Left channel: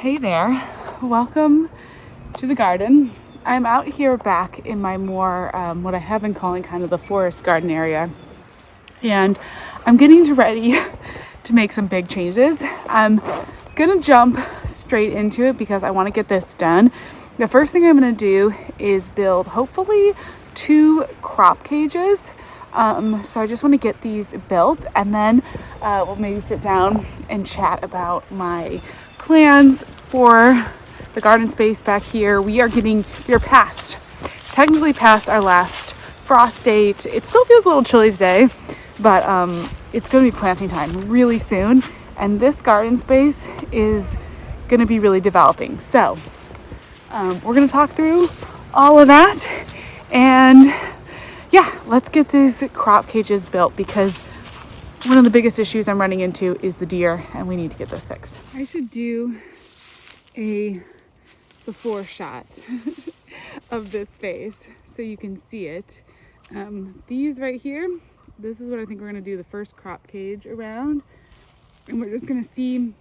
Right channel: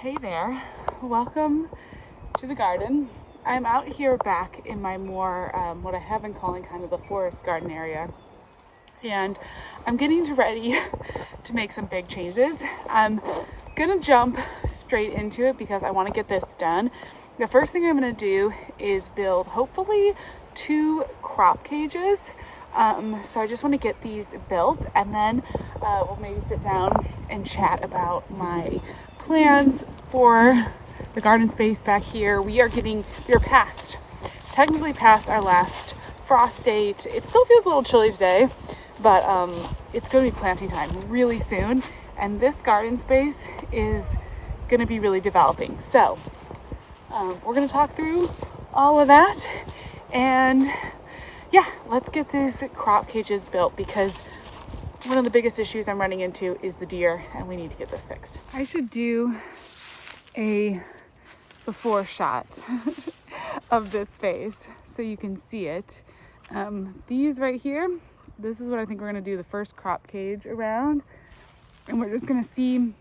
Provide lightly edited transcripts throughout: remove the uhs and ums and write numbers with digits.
Hey there, welcome to the garden. I'm out here back in my more, what I have been calling kind of the forest garden area. And I'm getting ready to make some big changes. I'm gonna jump straight into it because I wanna get this done. The first thing I'm gonna do is build hopefully 2 crop cages. So I just wanna get these built and then we'll maybe sit down and chat about my plans for the garden space back here. We are technically past our last frost date. It still feels a little chilly today, but it's gonna be planting time really soon. And this garden space is gonna be really developing. So we're gonna talk through all of that. And yeah, let's get these crop cages built because one of the biggest issues I'm running into is the deer and we need to get this fixed. I should do a before shot of this space so you can see it. These right here, this is what I think we're gonna do the first crop cage around. And we're just gonna see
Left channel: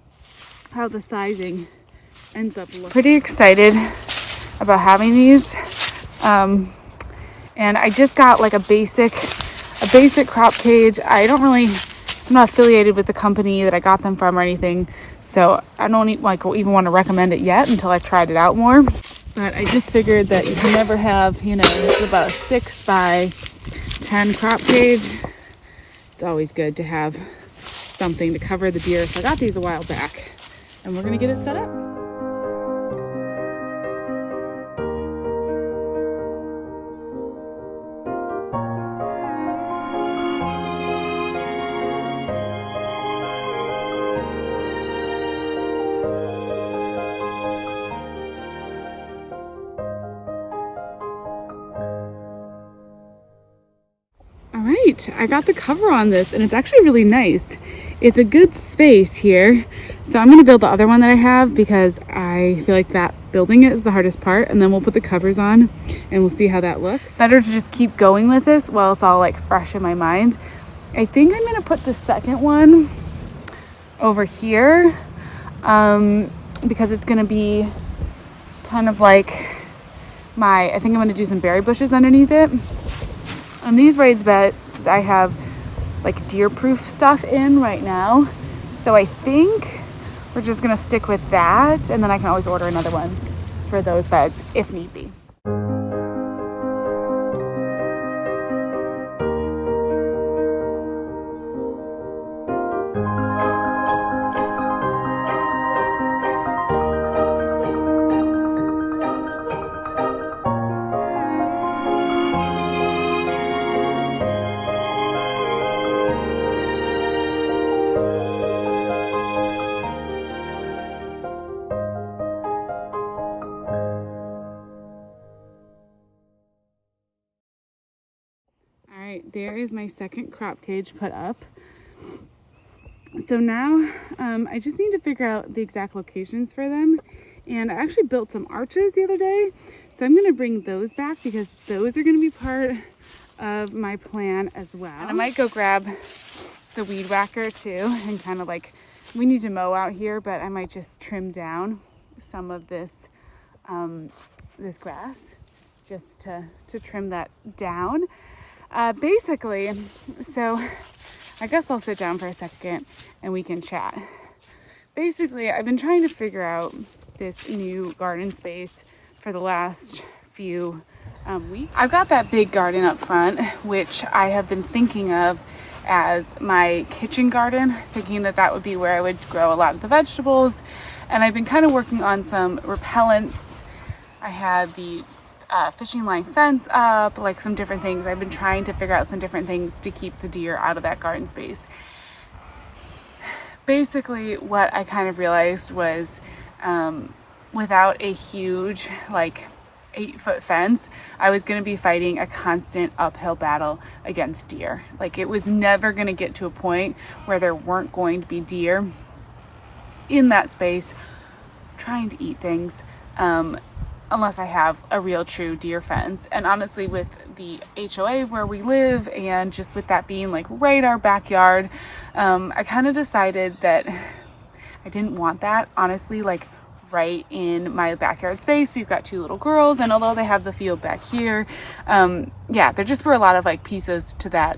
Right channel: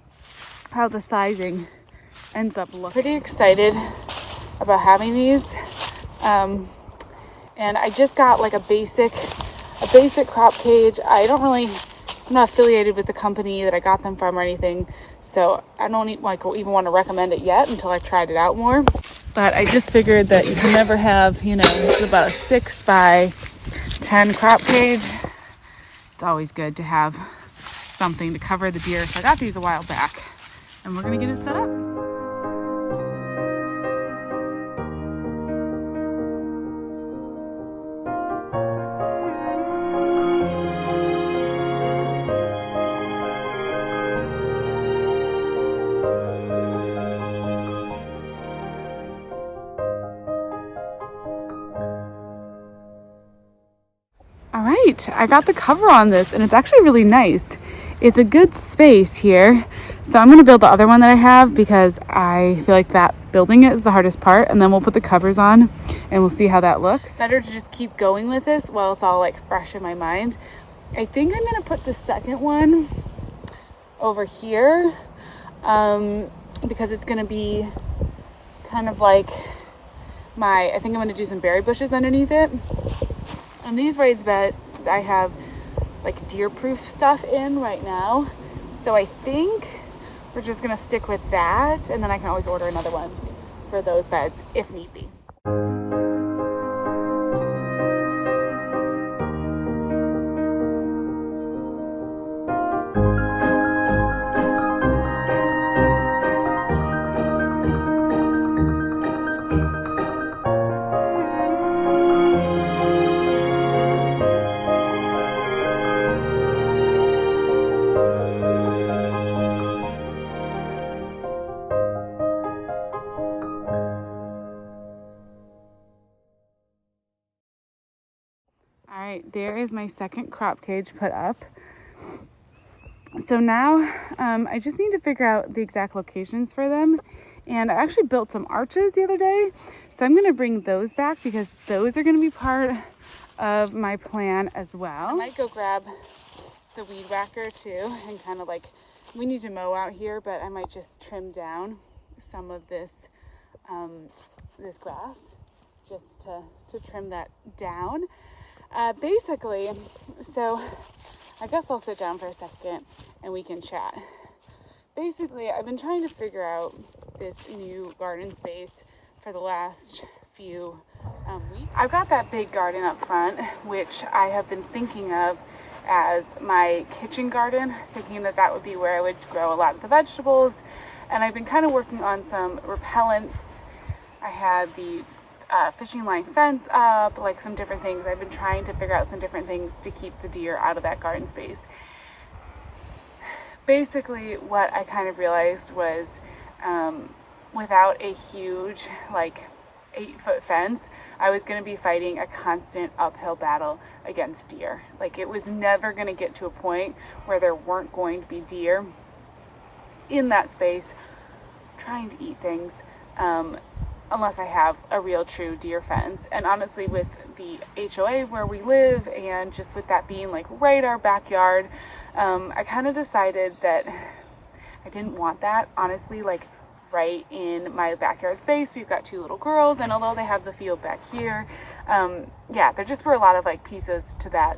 how the sizing ends up looking. Pretty excited about having these. And I just got like a basic crop cage. I'm not affiliated with the company that I got them from or anything, so I don't even want to recommend it yet until I've tried it out more. But I just figured that you can never have, it's about a 6 by 10 crop cage. It's always good to have something to cover the deer. So I got these a while back, and we're gonna get it set up. All right, I got the cover on this and it's actually really nice. It's a good space here. So I'm gonna build the other one that I have because I feel like that building it is the hardest part, and then we'll put the covers on and we'll see how that looks. Better to just keep going with this while it's all like fresh in my mind. I think I'm gonna put the second one over here because it's gonna be kind of like I think I'm gonna do some berry bushes underneath it. On these raised beds, I have like deer-proof stuff in right now. So I think we're just gonna stick with that, and then I can always order another one for those beds if need be. All right, there is my second crop cage put up. So now I just need to figure out the exact locations for them. And I actually built some arches the other day. So I'm gonna bring those back because those are gonna be part of my plan as well. I might go grab the weed whacker too and kind of like, we need to mow out here, but I might just trim down some of this, this grass just to trim that down. Basically, so I guess I'll sit down for a second and we can chat. Basically, I've been trying to figure out this new garden space for the last few weeks. I've got that big garden up front, which I have been thinking of as my kitchen garden, thinking that that would be where I would grow a lot of the vegetables. And I've been kind of working on some repellents. I had the fishing line fence up, like some different things. I've been trying to figure out some different things to keep the deer out of that garden space. Basically, what I kind of realized was without a huge, like 8-foot fence, I was going to be fighting a constant uphill battle against deer. Like it was never going to get to a point where there weren't going to be deer in that space trying to eat things. Unless I have a real true deer fence. And honestly, with the HOA where we live and just with that being like right our backyard, I kind of decided that I didn't want that honestly like right in my backyard space. We've got 2 little girls, and although they have the field back here, yeah, there just were a lot of like pieces to that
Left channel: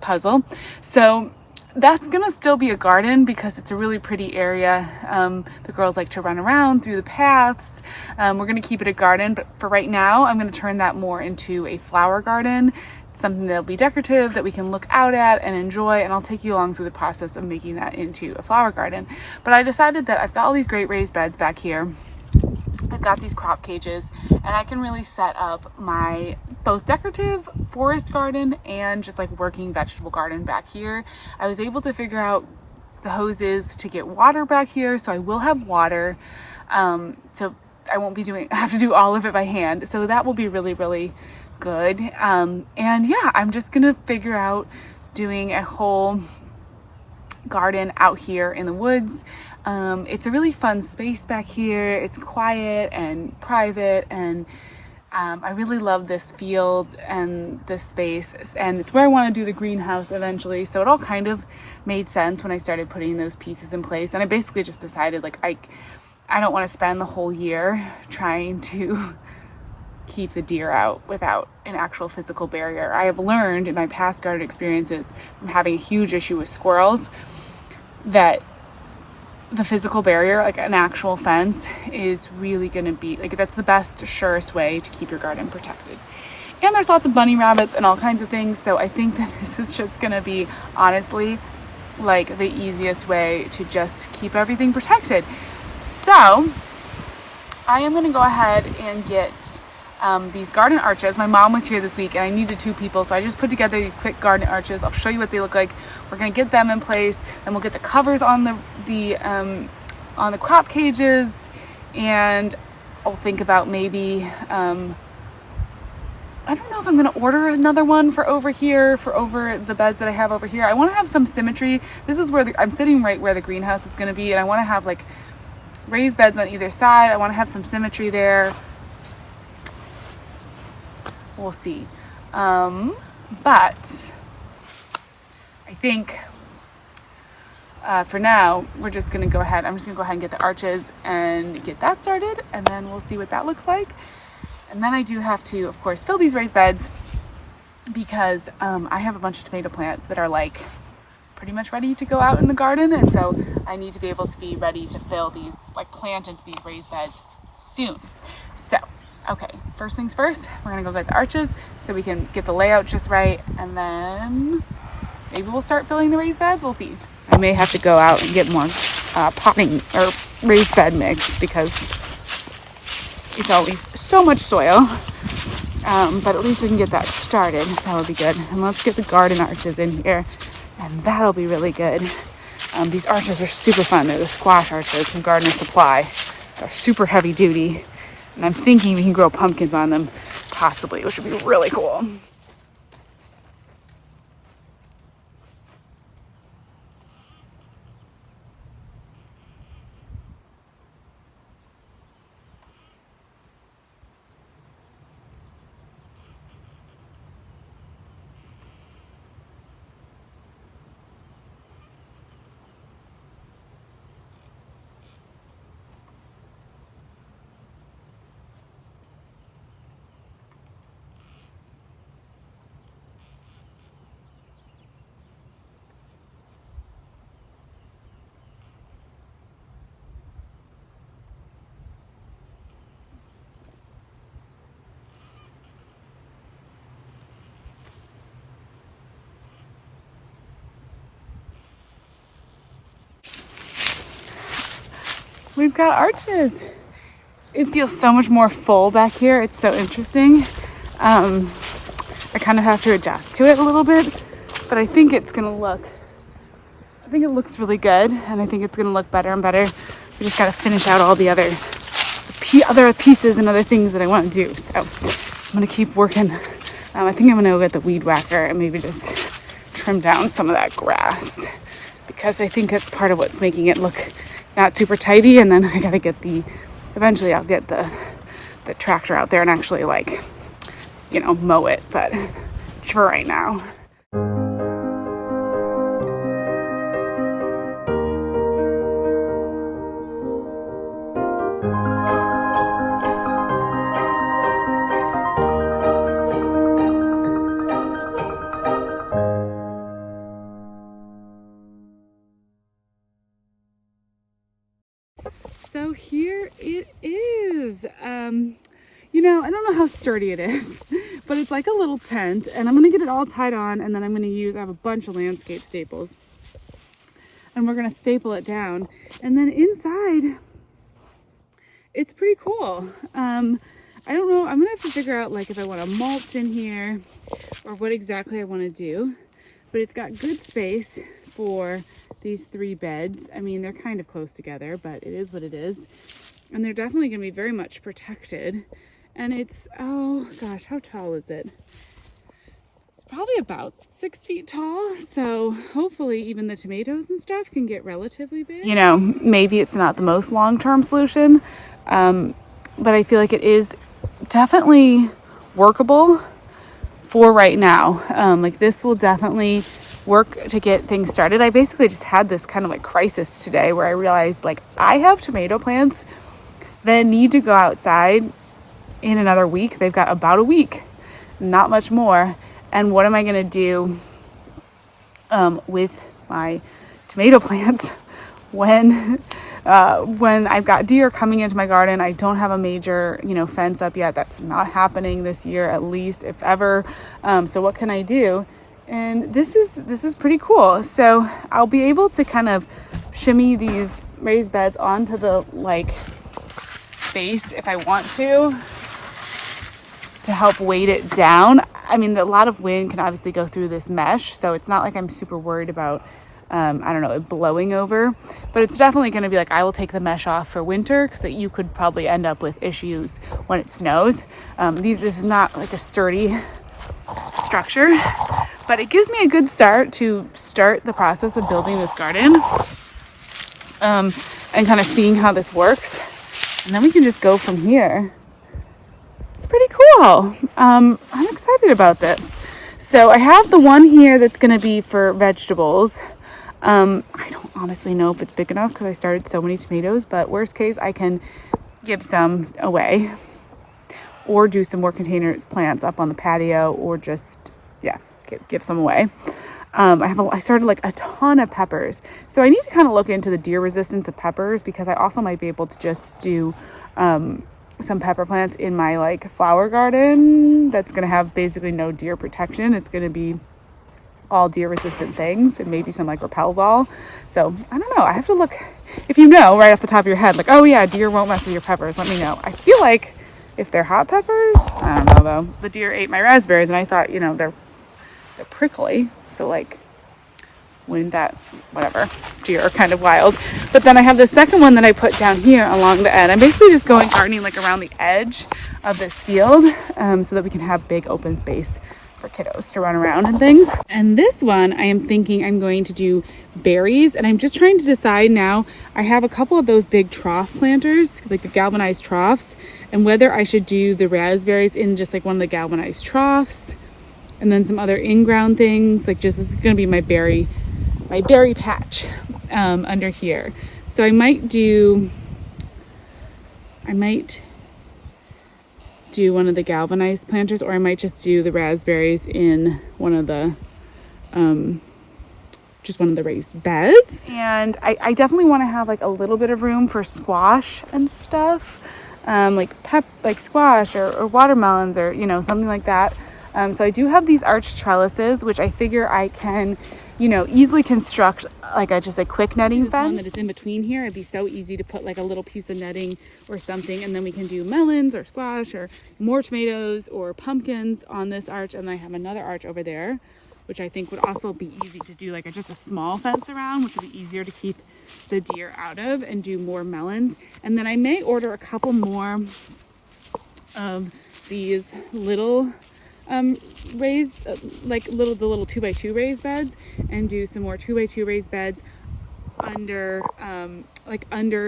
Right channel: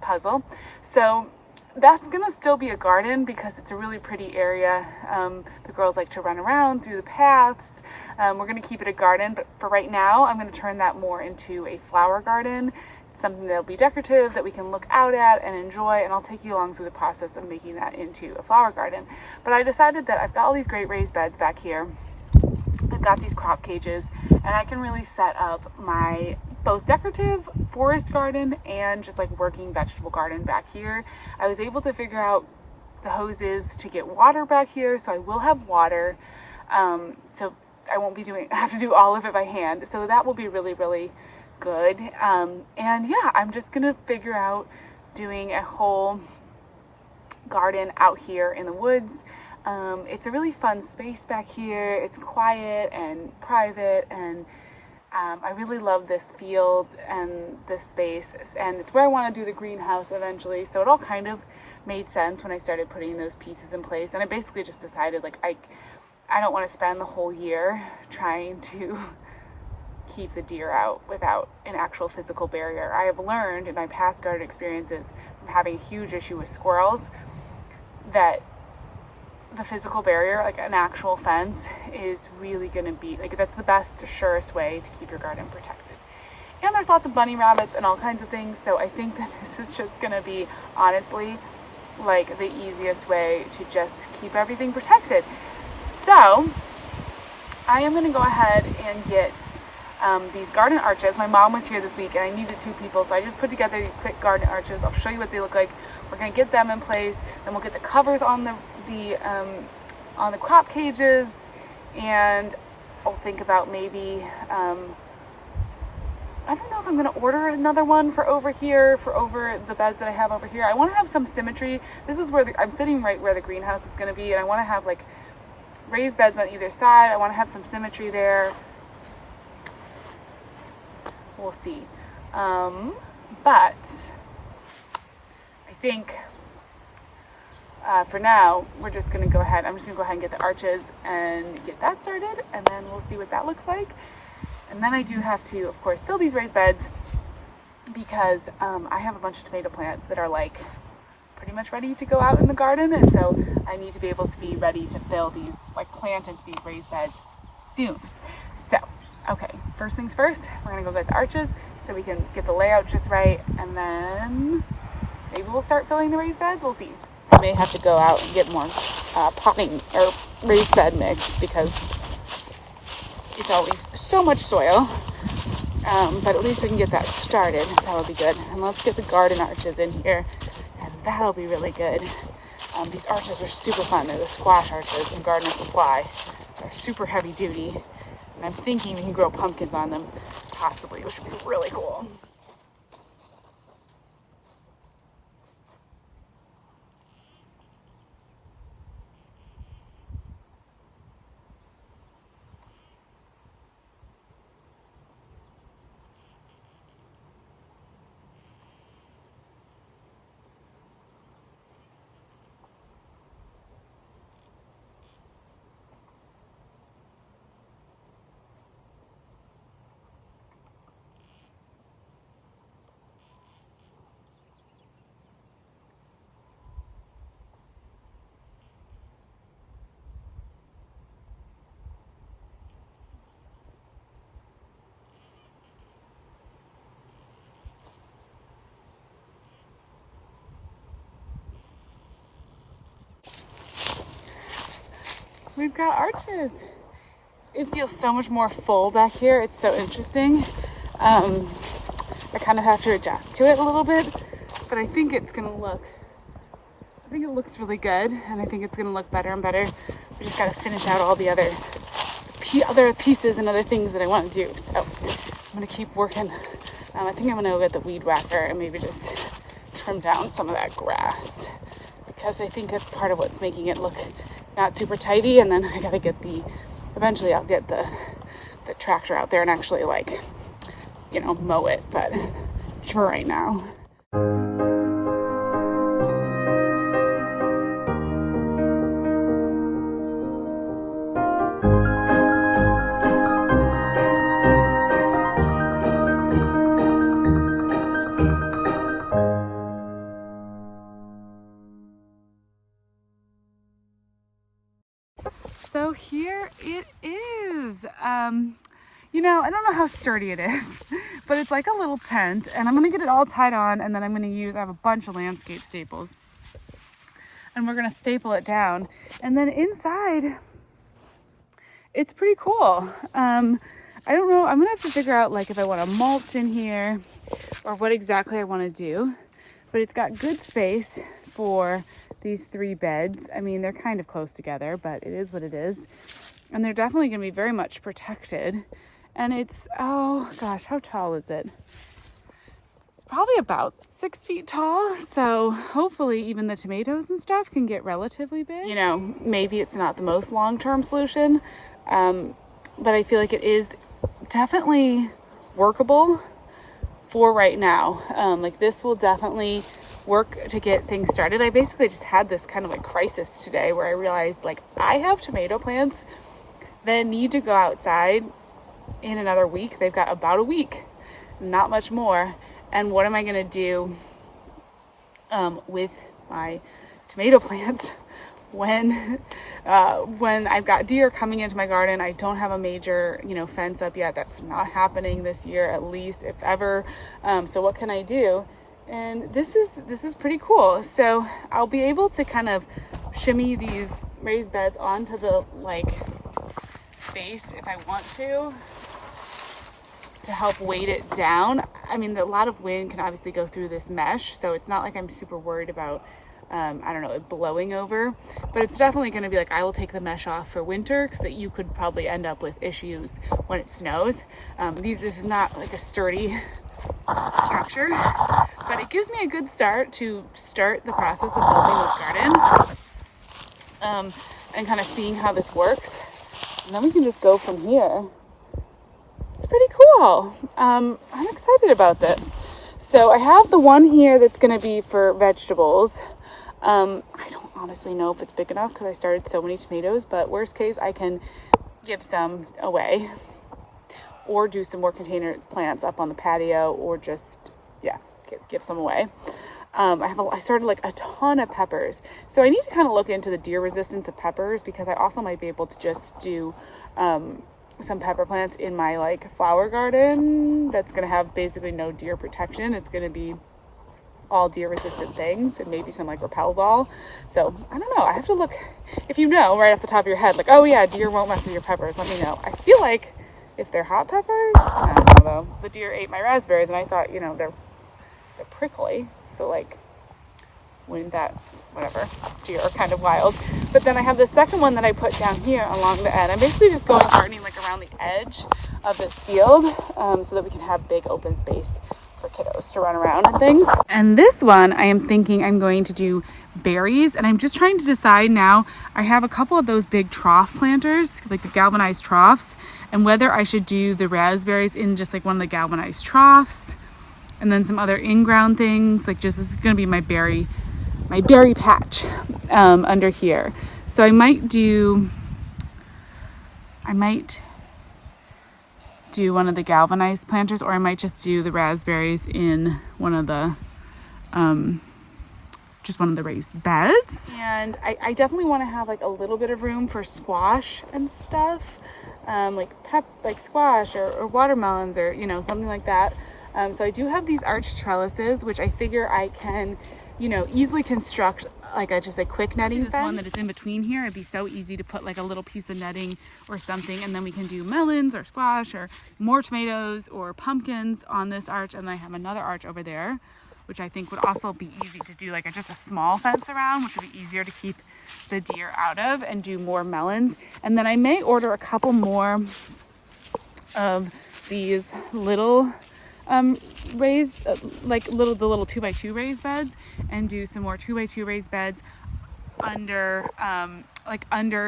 puzzle. So that's gonna still be a garden because it's a really pretty area. The girls like to run around through the paths. We're gonna keep it a garden, but for right now, I'm gonna turn that more into a flower garden. Something that'll be decorative that we can look out at and enjoy, and I'll take you along through the process of making that into a flower garden. But I decided that I've got all these great raised beds back here. I've got these crop cages, and I can really set up my both decorative forest garden and just like working vegetable garden back here. I was able to figure out the hoses to get water back here, so I will have water. So I won't be I have to do all of it by hand. So that will be really, really good. And yeah, I'm just gonna figure out doing a whole garden out here in the woods. It's a really fun space back here. It's quiet and private, and I really love this field and this space, and it's where I want to do the greenhouse eventually. So it all kind of made sense when I started putting those pieces in place, and I basically just decided like I don't want to spend the whole year trying to keep the deer out without an actual physical barrier. I have learned in my past garden experiences from having a huge issue with squirrels that the physical barrier, like an actual fence, is really going to be like, that's the best, surest way to keep your garden protected. And there's lots of bunny rabbits and all kinds of things, so I think that this is just going to be honestly like the easiest way to just keep everything protected. So I am going to go ahead and get these garden arches. My mom was here this week and I needed 2 people, so I just put together these quick garden arches. I'll show you what they look like. We're gonna get them in place, then we'll get the covers on the crop cages, and I'll think about maybe I don't know if I'm gonna order another one for over here, for over the beds that I have over here. I want to have some symmetry. This is where I'm sitting right where the greenhouse is gonna be, and I want to have like raised beds on either side. I want to have some symmetry there. We'll see. But I think for now, we're just gonna go ahead. I'm just gonna go ahead and get the arches and get that started, and then we'll see what that looks like. And then I do have to, of course, fill these raised beds because I have a bunch of tomato plants that are like pretty much ready to go out in the garden, and so I need to be able to be ready to fill these, like plant into these raised beds soon. So okay, first things first, we're gonna go get the arches so we can get the layout just right, and then maybe we'll start filling the raised beds. We'll see. I may have to go out and get more potting or raised bed mix because it's always so much soil. But at least we can get that started. That would be good. And let's get the garden arches in here, and that'll be really good. These arches are super fun. They're the squash arches from Gardener Supply. They're super heavy duty. And I'm thinking we can grow pumpkins on them, possibly, which would be really cool. We've got arches. It feels so much more full back here. It's so interesting. I kind of have to adjust to it a little bit, but I think it looks really good, and I think it's gonna look better and better. We just gotta finish out all the other pieces and other things that I want to do. So I'm gonna keep working. I think I'm gonna go get the weed whacker and maybe just trim down some of that grass, because I think that's part of what's making it look not super tidy. And then I gotta get eventually I'll get the tractor out there and actually like, mow it, but for right now. So here it is. You know, I don't know how sturdy it is, but it's like a little tent, and I'm gonna get it all tied on, and then I'm gonna I have a bunch of landscape staples, and we're gonna staple it down. And then inside, it's pretty cool. I don't know, I'm gonna have to figure out like if I wanna mulch in here or what exactly I wanna do, but it's got good space for these 3 beds. I mean, they're kind of close together, but it is what it is. And they're definitely gonna be very much protected. And it's, oh gosh, how tall is it? It's probably about 6 feet tall. So hopefully even the tomatoes and stuff can get relatively big. You know, maybe it's not the most long-term solution, but I feel like it is definitely workable for right now. Like this will definitely work to get things started. I basically just had this kind of like crisis today where I realized like I have tomato plants that need to go outside in another week. They've got about a week, not much more. And what am I going to do with my tomato plants when I've got deer coming into my garden? I don't have a major, you know, fence up yet. That's not happening this year, at least, if ever. So what can I do? And this is pretty cool. So I'll be able to kind of shimmy these raised beds onto the like base if I want to help weight it down. I mean, a lot of wind can obviously go through this mesh, so it's not like I'm super worried about, I don't know, it blowing over, but it's definitely going to be like, I will take the mesh off for winter because you could probably end up with issues when it snows. This is not like a sturdy structure, but it gives me a good start to start the process of building this garden, and kind of seeing how this works. And then we can just go from here. It's pretty cool. I'm excited about this. So I have the one here that's going to be for vegetables. I don't honestly know if it's big enough because I started so many tomatoes, but worst case, I can give some away or do some more container plants up on the patio, or just, yeah, give some away. I started like a ton of peppers. So I need to kind of look into the deer resistance of peppers, because I also might be able to just do some pepper plants in my like flower garden that's going to have basically no deer protection. It's going to be all deer resistant things, and maybe some like repels all. So I don't know. I have to look. If you know right off the top of your head, like, oh yeah, deer won't mess with your peppers, let me know. I feel like if they're hot peppers, I don't know though. The deer ate my raspberries, and I thought, you know, they're prickly, so like, wouldn't that, whatever, deer are kind of wild. But then I have the second one that I put down here along the end. I'm basically just going gardening like around the edge of this field, so that we can have big open space for kiddos to run around and things. And this one, I am thinking I'm going to do berries, and I'm just trying to decide now. I have a couple of those big trough planters, like the galvanized troughs, and whether I should do the raspberries in just like one of the galvanized troughs, and then some other in-ground things, like just, it's gonna be my berry patch under here. So I might do one of the galvanized planters, or I might just do the raspberries in one of the just one of the raised beds. And I definitely want to have like a little bit of room for squash and stuff, like squash or watermelons, or, you know, something like that. So I do have these arched trellises, which I figure I can, you know, easily construct like just a quick netting fence. One that is in between here. It'd be so easy to put like a little piece of netting or something, and then we can do melons or squash or more tomatoes or pumpkins on this arch. And then I have another arch over there, which I think would also be easy to do like just a small fence around, which would be easier to keep the deer out of, and do more melons. And then I may order a couple more of these little raised like the little 2x2 raised beds, and do some more 2x2 raised beds under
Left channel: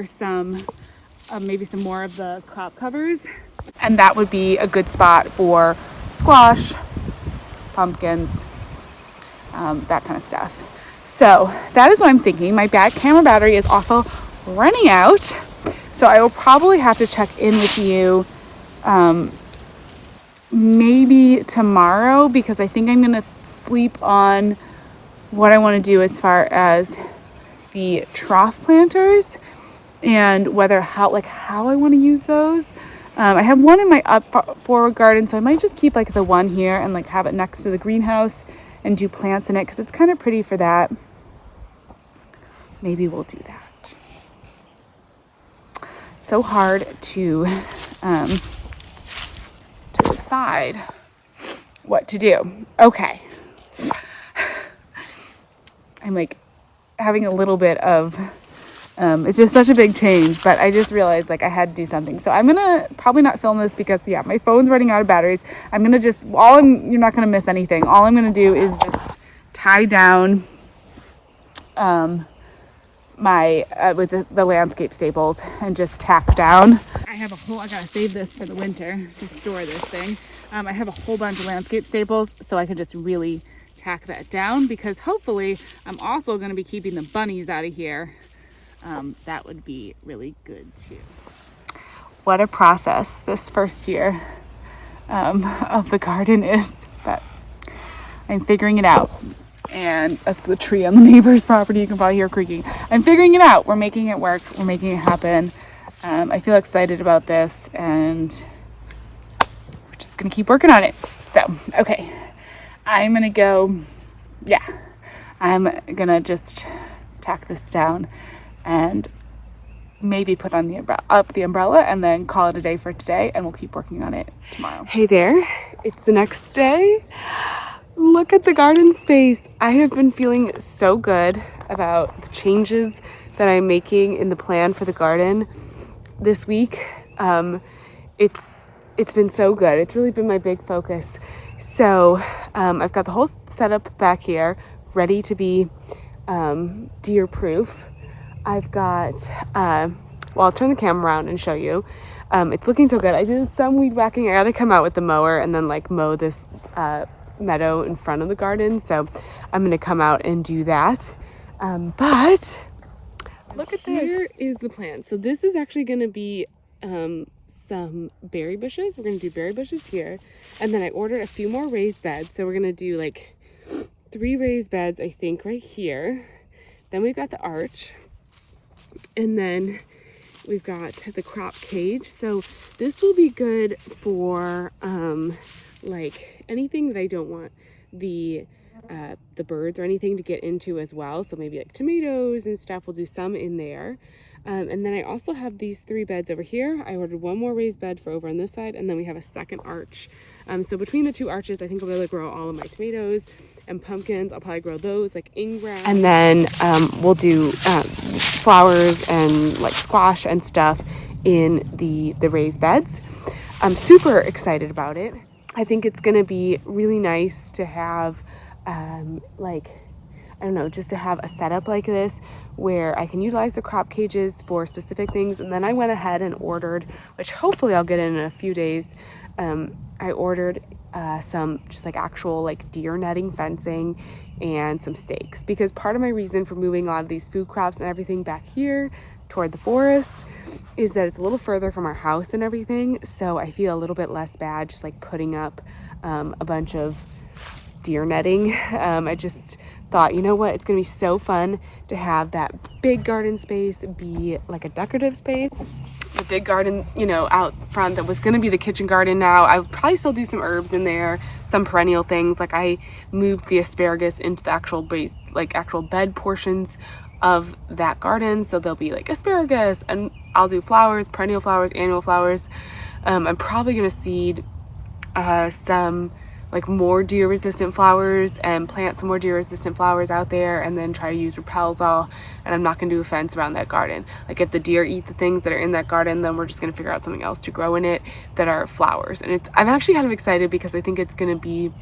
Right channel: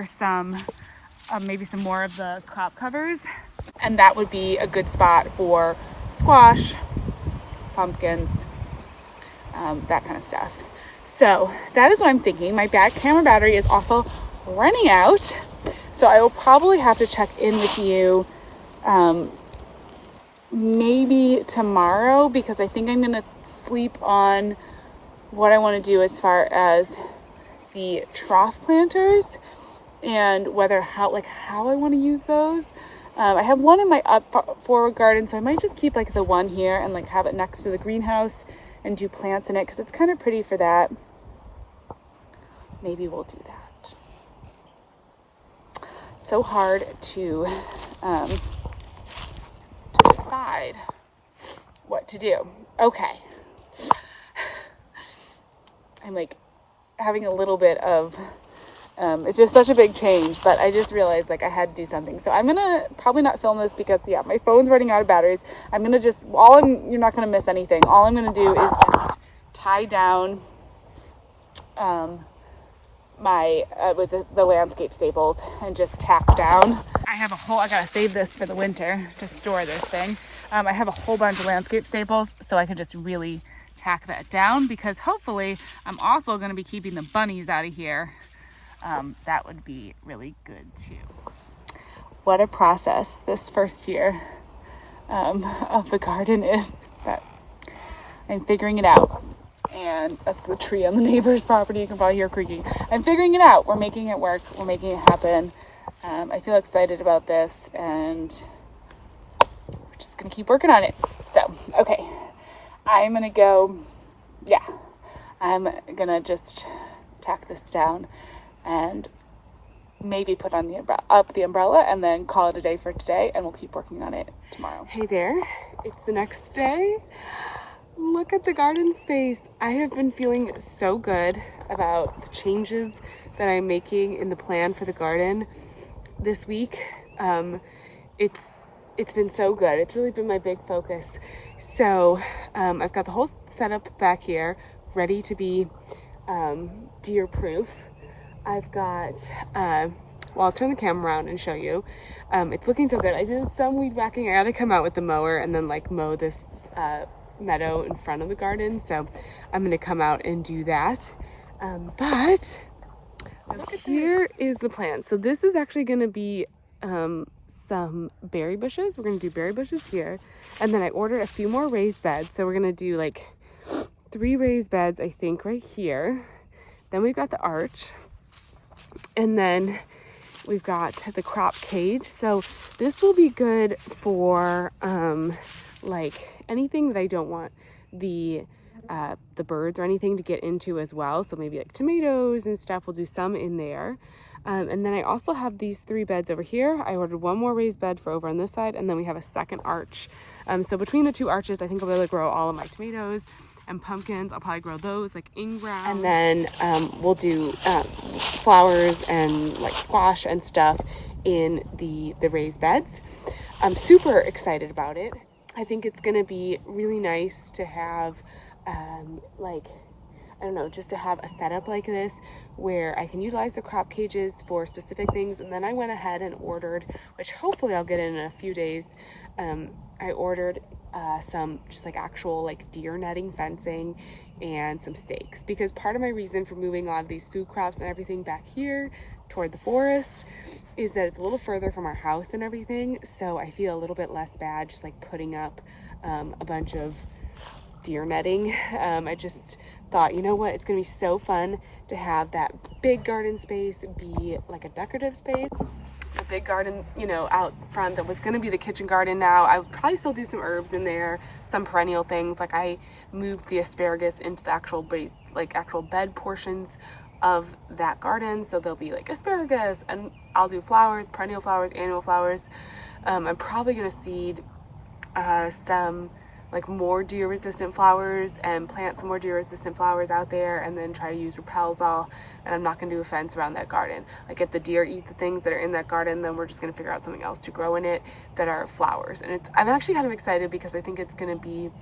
some maybe some more of the crop covers. And that would be a good spot for squash, pumpkins, that kind of stuff. So that is what I'm thinking. My camera battery is also running out, so I will probably have to check in with you maybe tomorrow, because I think I'm gonna sleep on what I want to do as far as the trough planters. and how I want to use those. I have one in my forward garden, so I might just keep like the one here and like have it next to the greenhouse and do plants in it because it's kind of pretty for that. Maybe we'll do that. So hard to decide what to do. Okay. I'm like having a little bit of, it's just such a big change, but I just realized like I had to do something. So I'm gonna probably not film this because yeah, my phone's running out of batteries. I'm gonna just, you're not gonna miss anything. All I'm gonna do is just tie down with the landscape staples and just tack down. I gotta save this for the winter to store this thing. I have a whole bunch of landscape staples, so I can just really tack that down because hopefully I'm also going to be keeping the bunnies out of here. That would be really good too. What a process this first year of the garden is, but I'm figuring it out. And that's the tree on the neighbor's property. You can probably hear creaking. I'm figuring it out. We're making it work. We're making it happen. I feel excited about this and we're just going to keep working on it. So, okay. I'm going to just tack this down and maybe put on the umbrella and then call it a day for today, and we'll keep working on it tomorrow. Hey there. It's the next day. Look at the garden space. I have been feeling so good about the changes that I'm making in the plan for the garden this week. It's been so good. It's really been my big focus. So I've got the whole setup back here ready to be deer proof. I've got, I'll turn the camera around and show you. It's looking so good. I did some weed whacking. I gotta come out with the mower and then like mow this meadow in front of the garden. So I'm gonna come out and do that. But look at this. Here is the plan. So this is actually gonna be some berry bushes. We're gonna do berry bushes here. And then I ordered a few more raised beds. So we're gonna do like 3 raised beds, I think, right here. Then we've got the arch. And then we've got the crop cage. So this will be good for like anything that I don't want the birds or anything to get into as well. So maybe like tomatoes and stuff, we'll do some in there. And then I also have these 3 beds over here. I ordered 1 more raised bed for over on this side, and then we have a second arch. So between the 2 arches, I think I'll be able to grow all of my tomatoes and pumpkins. I'll probably grow those like in ground. And then we'll do flowers and like squash and stuff in the raised beds. I'm super excited about it. I think it's gonna be really nice to have just to have a setup like this where I can utilize the crop cages for specific things. And then I went ahead and ordered, which hopefully I'll get in a few days, I ordered some just like actual like deer netting fencing and some stakes, because part of my reason for moving a lot of these food crops and everything back here toward the forest is that it's a little further from our house and everything. So I feel a little bit less bad just like putting up a bunch of deer netting. I just thought, you know what, it's gonna be so fun to have that big garden space be like a decorative space. The big garden, out front that was gonna be the kitchen garden now, I would probably still do some herbs in there, some perennial things. Like I moved the asparagus into the actual bed portions of that garden. So there'll be like asparagus, and I'll do flowers, perennial flowers, annual flowers. I'm probably gonna seed some like more deer resistant flowers and plant some more deer resistant flowers out there, and then try to use Repelsol. And I'm not gonna do a fence around that garden. Like if the deer eat the things that are in that garden, then we're just gonna figure out something else to grow in it that are flowers. And I'm actually kind of excited because I think it's gonna be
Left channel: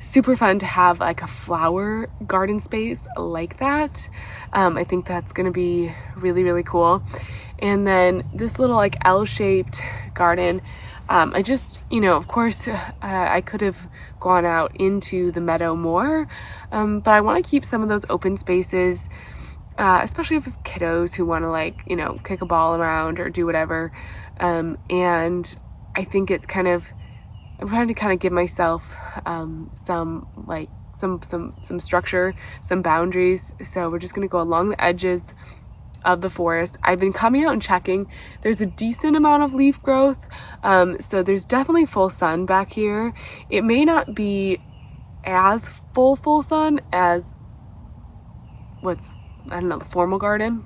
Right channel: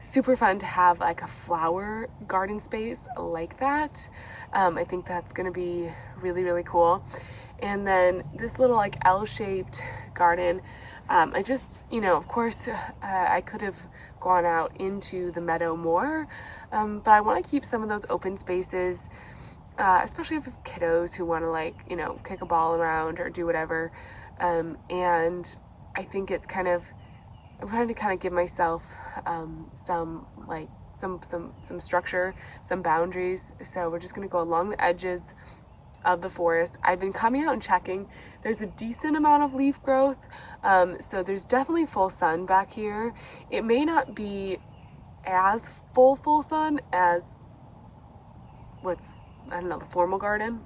super fun to have like a flower garden space like that. I think that's gonna be really, really cool. And then this little like L-shaped garden, I just, of course, I could have gone out into the meadow more, but I want to keep some of those open spaces, especially if kiddos who want to kick a ball around or do whatever. And I think it's I'm trying to kind of give myself some structure, some boundaries. So we're just going to go along the edges of the forest. I've been coming out and checking. There's a decent amount of leaf growth, so there's definitely full sun back here. It may not be as full sun as I don't know, the formal garden.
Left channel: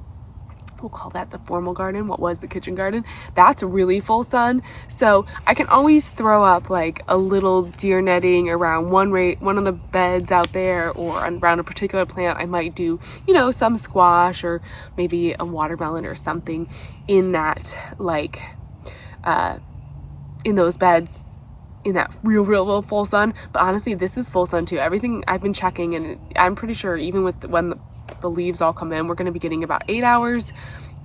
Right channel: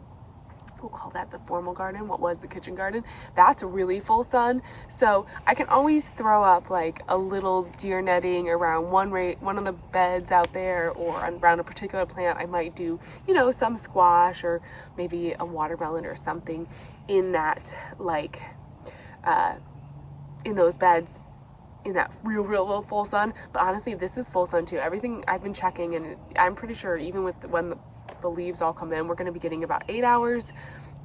We'll call that the formal garden. What was the kitchen garden? That's really full sun. So I can always throw up like a little deer netting around one of the beds out there, or around a particular plant. I might do, you know, some squash or maybe a watermelon or something in that, like, in those beds, in that real full sun. But honestly, this is full sun too. Everything I've been checking, and I'm pretty sure even with when the leaves all come in, we're going to be getting about 8 hours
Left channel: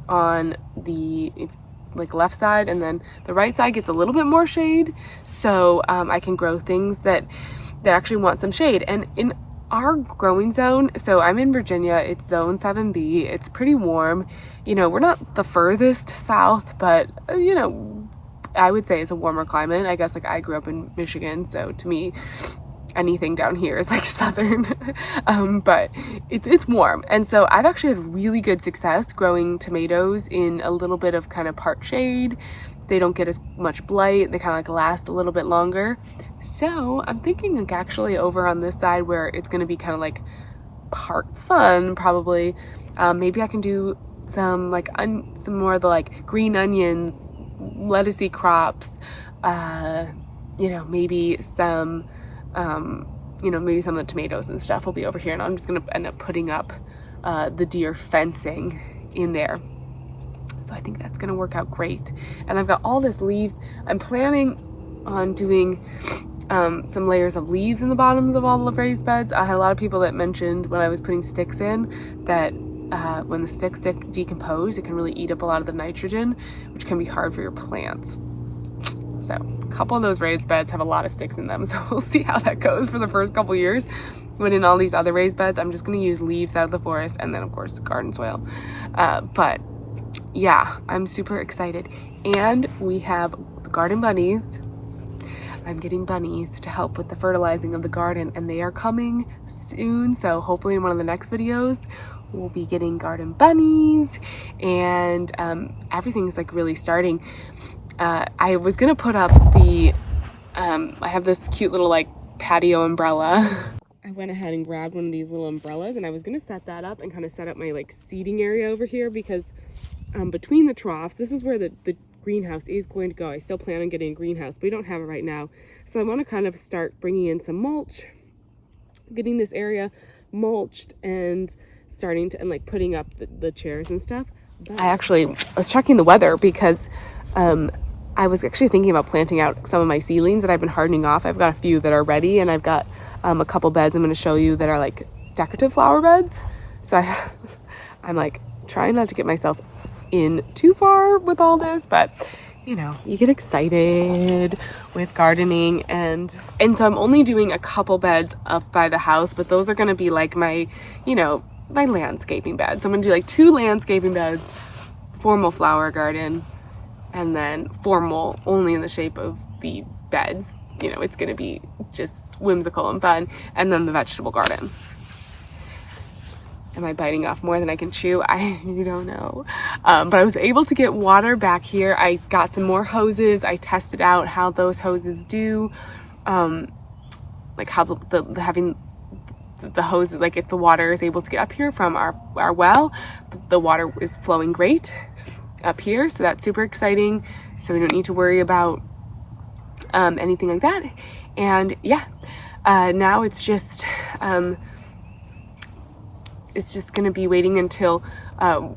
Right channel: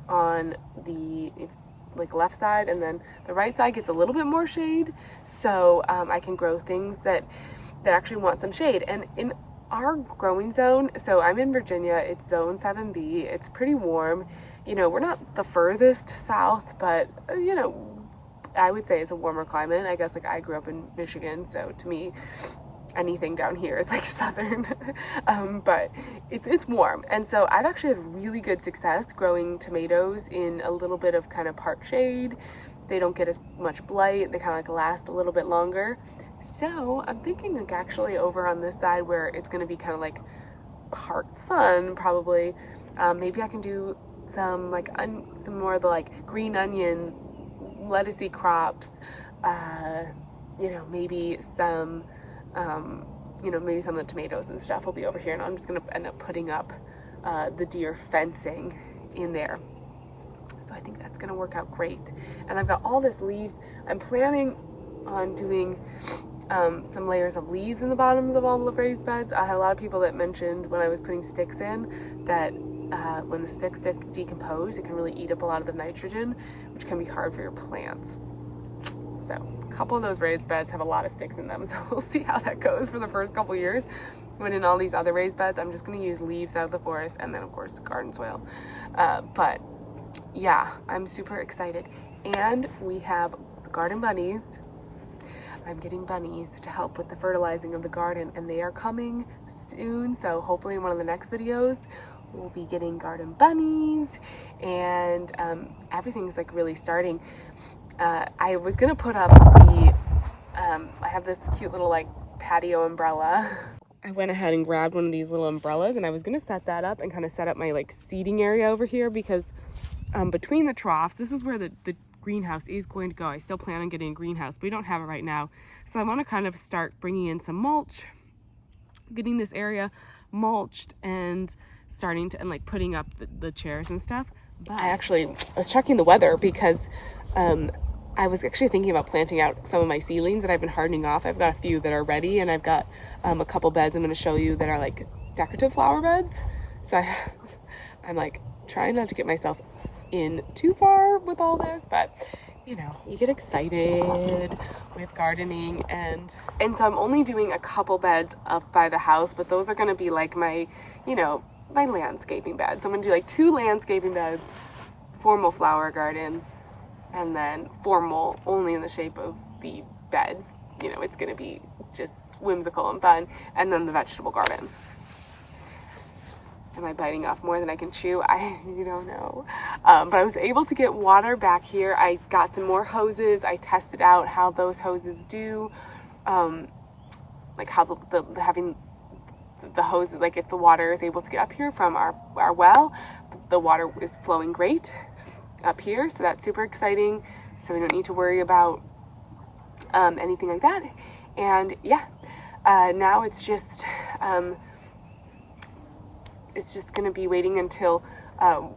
on the like left side, and then the right side gets a little bit more shade, so I can grow things that actually want some shade. And in our growing zone, so I'm in Virginia, it's zone 7B, it's pretty warm. You know, we're not the furthest south, but you know, I would say it's a warmer climate. I guess, like, I grew up in Michigan, so to me anything down here is like southern. But it's warm, and so I've actually had really good success growing tomatoes in a little bit of kind of part shade. They don't get as much blight, they kind of like last a little bit longer. So I'm thinking, like, actually over on this side where it's going to be kind of like part sun probably, maybe I can do some like some more of the like green onions, lettucey crops, you know, maybe some you know, maybe some of the tomatoes and stuff will be over here, and I'm just going to end up putting up the deer fencing in there. So I think that's going to work out great. And I've got all this leaves. I'm planning on doing some layers of leaves in the bottoms of all the raised beds. I had a lot of people that mentioned when I was putting sticks in that when the sticks decompose, it can really eat up a lot of the nitrogen, which can be hard for your plants. So a couple of those raised beds have a lot of sticks in them, so we'll see how that goes for the first couple years. When in all these other raised beds, I'm just going to use leaves out of the forest, and then of course garden soil. But yeah, I'm super excited. And we have the garden bunnies. I'm getting bunnies to help with the fertilizing of the garden, and they are coming soon. So hopefully in one of the next videos, we'll be getting garden bunnies, and everything's like really starting. I was gonna put up the, I have this cute little like patio umbrella. I went ahead and grabbed one of these little umbrellas, and I was gonna set that up and kind of set up my like seating area over here, because between the troughs, this is where the greenhouse is going to go. I still plan on getting a greenhouse, but we don't have it right now. So I want to kind of start bringing in some mulch, getting this area mulched, and starting to, and like putting up the chairs and stuff. But I was checking the weather, because I was actually thinking about planting out some of my seedlings that I've been hardening off. I've got a few that are ready, and I've got a couple beds I'm going to show you that are like decorative flower beds. So I'm like trying not to get myself in too far with all this, but you know, you get excited with gardening, and so I'm only doing a couple beds up by the house, but those are going to be like my, you know, my landscaping beds. So I'm going to do like 2 landscaping beds, formal flower garden, and then formal only in the shape of the beds. You know, it's going to be just whimsical and fun, and then the vegetable garden. Am I biting off more than I can chew? I don't know. But I was able to get water back here. I got some more hoses. I tested out how those hoses do, like how having the hoses, like if the water is able to get up here from our well, the water is flowing great up here. So that's super exciting. So we don't need to worry about anything like that. And yeah, now it's just going to be waiting until,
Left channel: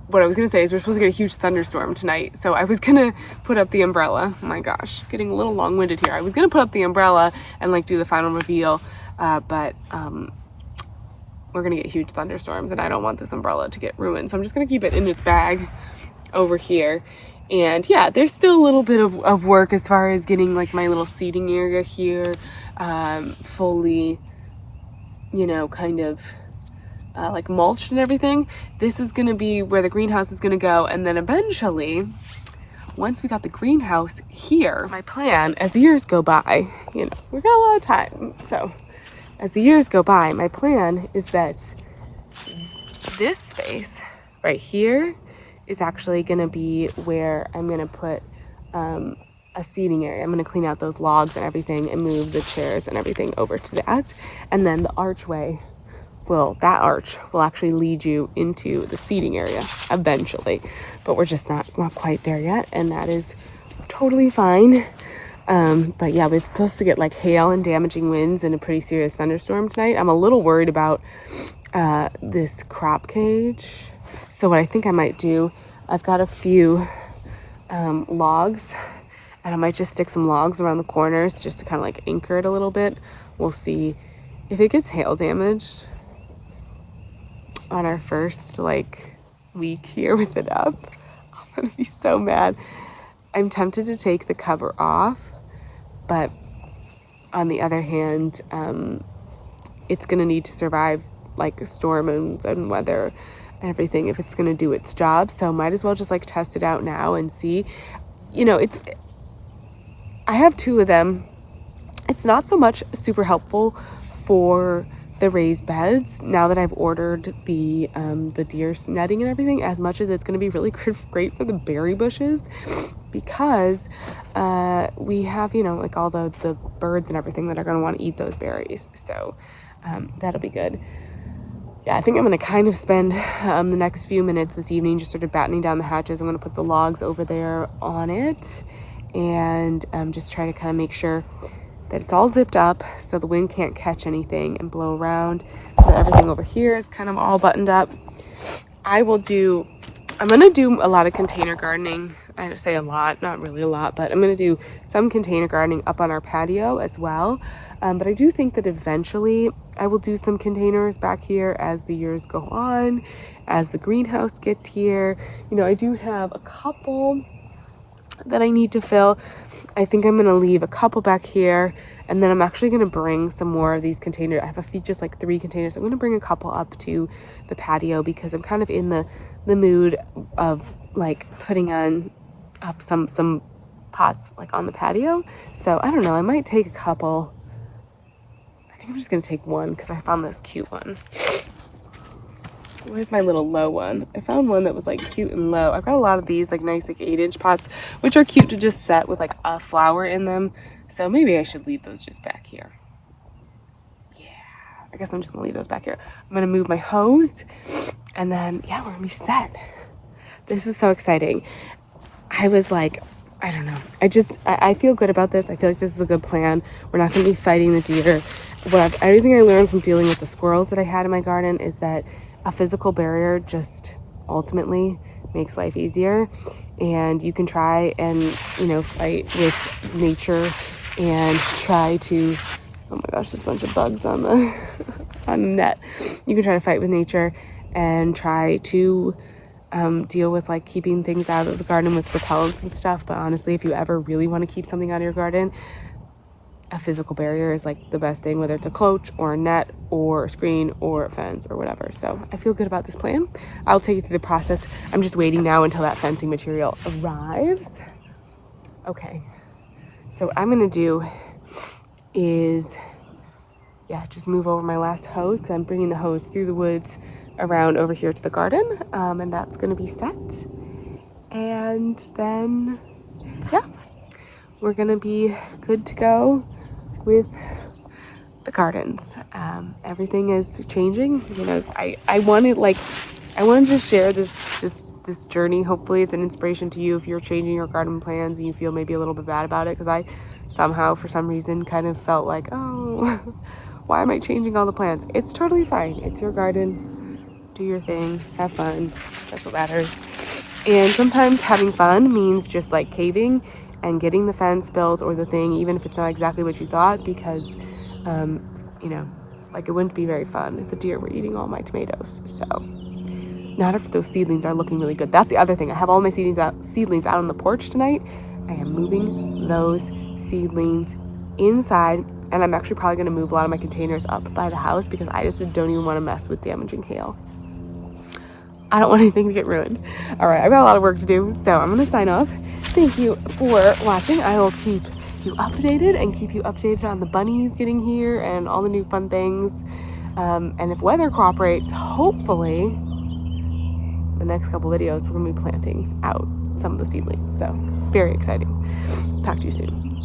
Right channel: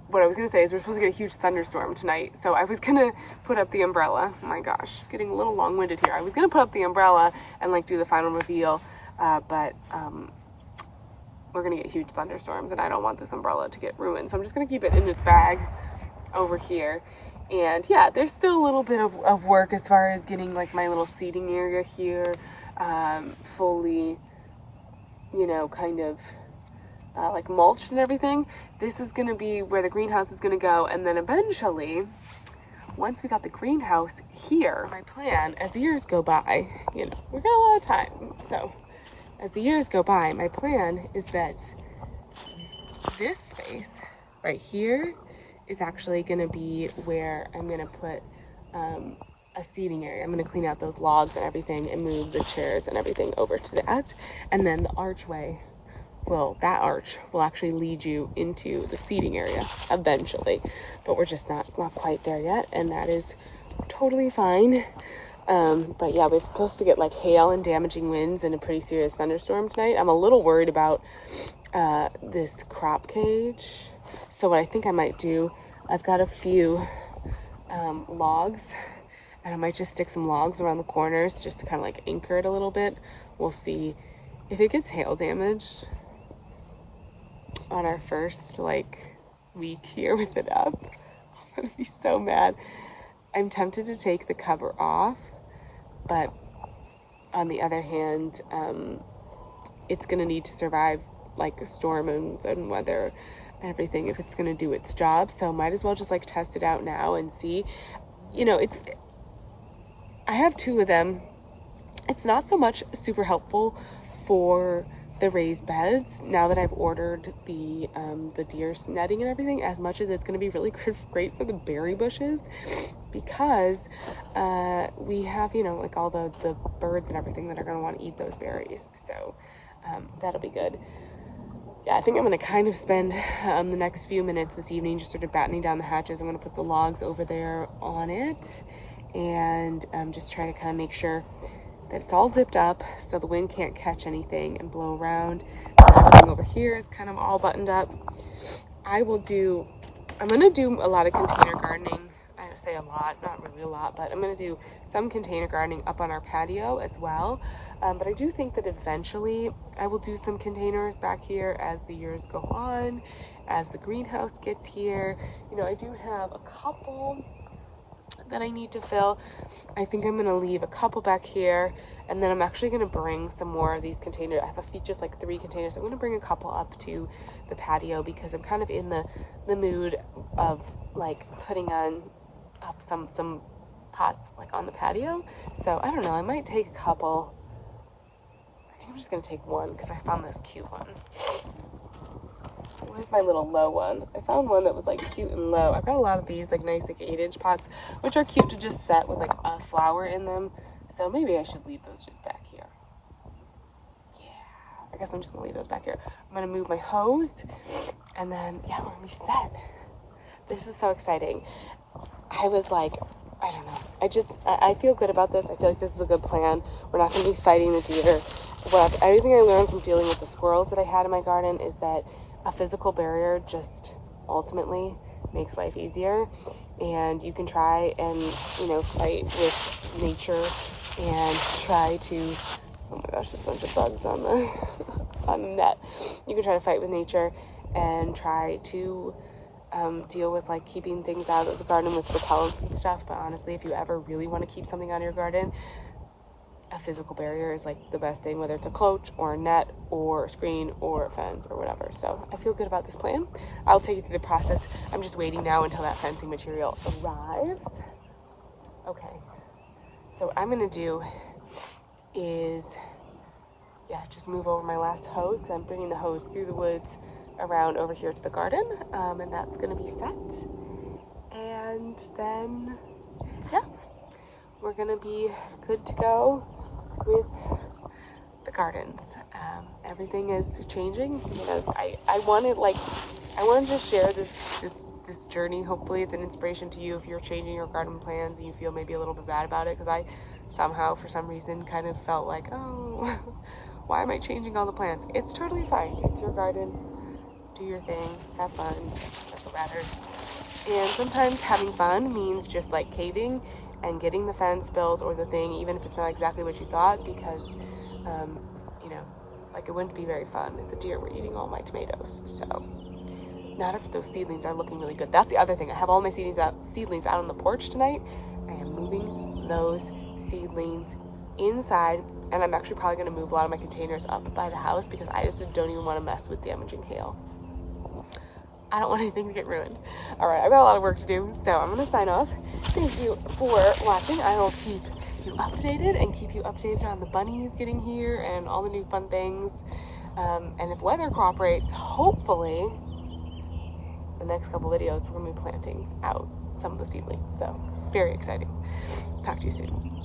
what I was going to say is we're supposed to get a huge thunderstorm tonight. So I was going to put up the umbrella. Oh my gosh, getting a little long-winded here. I was going to put up the umbrella and like do the final reveal, but we're going to get huge thunderstorms, and I don't want this umbrella to get ruined. So I'm just going to keep it in its bag over here. And yeah, there's still a little bit of work as far as getting like my little seating area here fully, you know, kind of like mulched and everything. This is going to be where the greenhouse is going to go, and then eventually, once we got the greenhouse here, my plan as the years go by, you know, we got a lot of time, so as the years go by, my plan is that this space right here is actually going to be where I'm going to put a seating area. I'm going to clean out those logs and everything and move the chairs and everything over to that. And then the archway that arch will actually lead you into the seating area eventually, but we're just not quite there yet, and that is totally fine. But yeah, we're supposed to get like hail and damaging winds and a pretty serious thunderstorm tonight. I'm a little worried about this crop cage. So what I think I might do, I've got a few logs, and I might just stick some logs around the corners just to kind of like anchor it a little bit. We'll see if it gets hail damaged on our first like week here with it up. I'm gonna be so mad. I'm tempted to take the cover off, but on the other hand, it's gonna need to survive like storms and weather and everything if it's gonna do its job. So might as well just like test it out now and see. You know, I have two of them. It's not so much super helpful for the raised beds now that I've ordered the deer netting and everything, as much as it's going to be really great for the berry bushes, because we have, you know, like all the birds and everything that are going to want to eat those berries. So that'll be good. Yeah, I think I'm going to kind of spend the next few minutes this evening just sort of battening down the hatches. I'm going to put the logs over there on it and just try to kind of make sure that it's all zipped up so the wind can't catch anything and blow around. So everything over here is kind of all buttoned up. I'm going to do a lot of container gardening. I say a lot, not really a lot, but I'm going to do some container gardening up on our patio as well. But I do think that eventually I will do some containers back here as the years go on, as the greenhouse gets here. You know, I do have a couple that I need to fill. I think I'm going to leave a couple back here, and then I'm actually going to bring some more of these containers. I have a few, just like 3 containers. I'm going to bring a couple up to the patio because I'm kind of in the mood of like putting up some pots like on the patio. So I don't know, I might take a couple. I think I'm just going to take one because I found this cute one. Where's my little low one? I found one that was like cute and low. I've got a lot of these like nice like 8-inch pots, which are cute to just set with like a flower in them. So maybe I should leave those just back here. Yeah, I guess I'm just gonna leave those back here. I'm gonna move my hose, and then yeah, we're gonna be set. This is so exciting. I was like, I don't know. I feel good about this. I feel like this is a good plan. We're not gonna be fighting the deer. Everything I learned from dealing with the squirrels that I had in my garden is that a physical barrier just ultimately makes life easier, and you can try and, you know, fight with nature and try to, oh my gosh, there's a bunch of bugs on the on the net. You can try to fight with nature and try to deal with like keeping things out of the garden with repellents and stuff, but honestly, if you ever really want to keep something out of your garden, a physical barrier is like the best thing, whether it's a cloche or a net or a screen or a fence or whatever. So I feel good about this plan. I'll take you through the process. I'm just waiting now until that fencing material arrives. Okay, so what I'm gonna do is, yeah, just move over my last hose because I'm bringing the hose through the woods around over here to the garden, and that's gonna be set. And then, yeah, we're gonna be good to go with the gardens. Everything is changing. You know, I wanted to share this journey. Hopefully it's an inspiration to you if you're changing your garden plans and you feel maybe a little bit bad about it, because I somehow for some reason kind of felt like, oh, why am I changing all the plans? It's totally fine. It's your garden. Do your thing, have fun. That's what matters. And sometimes having fun means just like caving and getting the fence built or the thing, even if it's not exactly what you thought, because, you know, like it wouldn't be very fun if the deer were eating all my tomatoes. So, not if those seedlings are looking really good. That's the other thing. I have all my seedlings out on the porch tonight. I am moving those seedlings inside, and I'm actually probably going to move a lot of my containers up by the house because I just don't even want to mess with damaging hail. I don't want anything to get ruined. All right, I've got a lot of work to do, so I'm going to sign off. Thank you for watching. I will keep you updated and keep you updated on the bunnies getting here and all the new fun things. And if weather cooperates, hopefully the next couple videos, we're gonna be planting out some of the seedlings. So very exciting. Talk to you soon.